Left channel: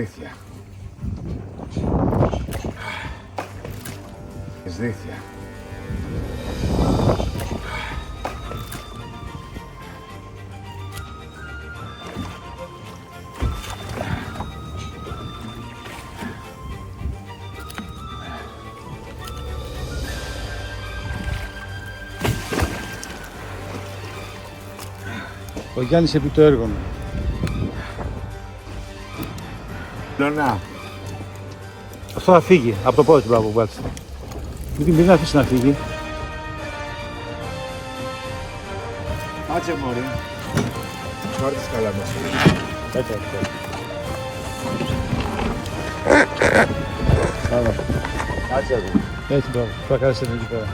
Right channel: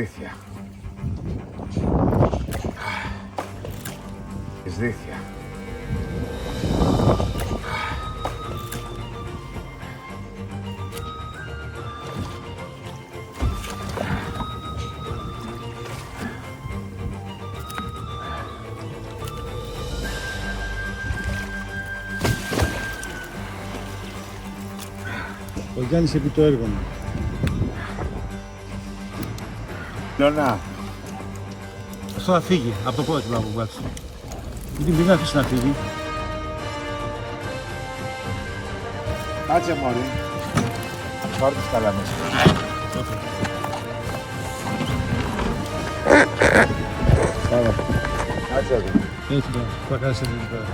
Δίθια. Της Δίθια. Ο Γιάννης επί το έργο μου. Λονά. Αυτό θα φύγει από το πόδι του μπράβο μπάτσου. Μην την αφήσει να φύγει. Κάτσε μωρή. Φόρτις καλά μέσα. Πάρα. Κάτσε εδώ. Έτσι μπράβο. Θα κάνεις εκεί πέρα.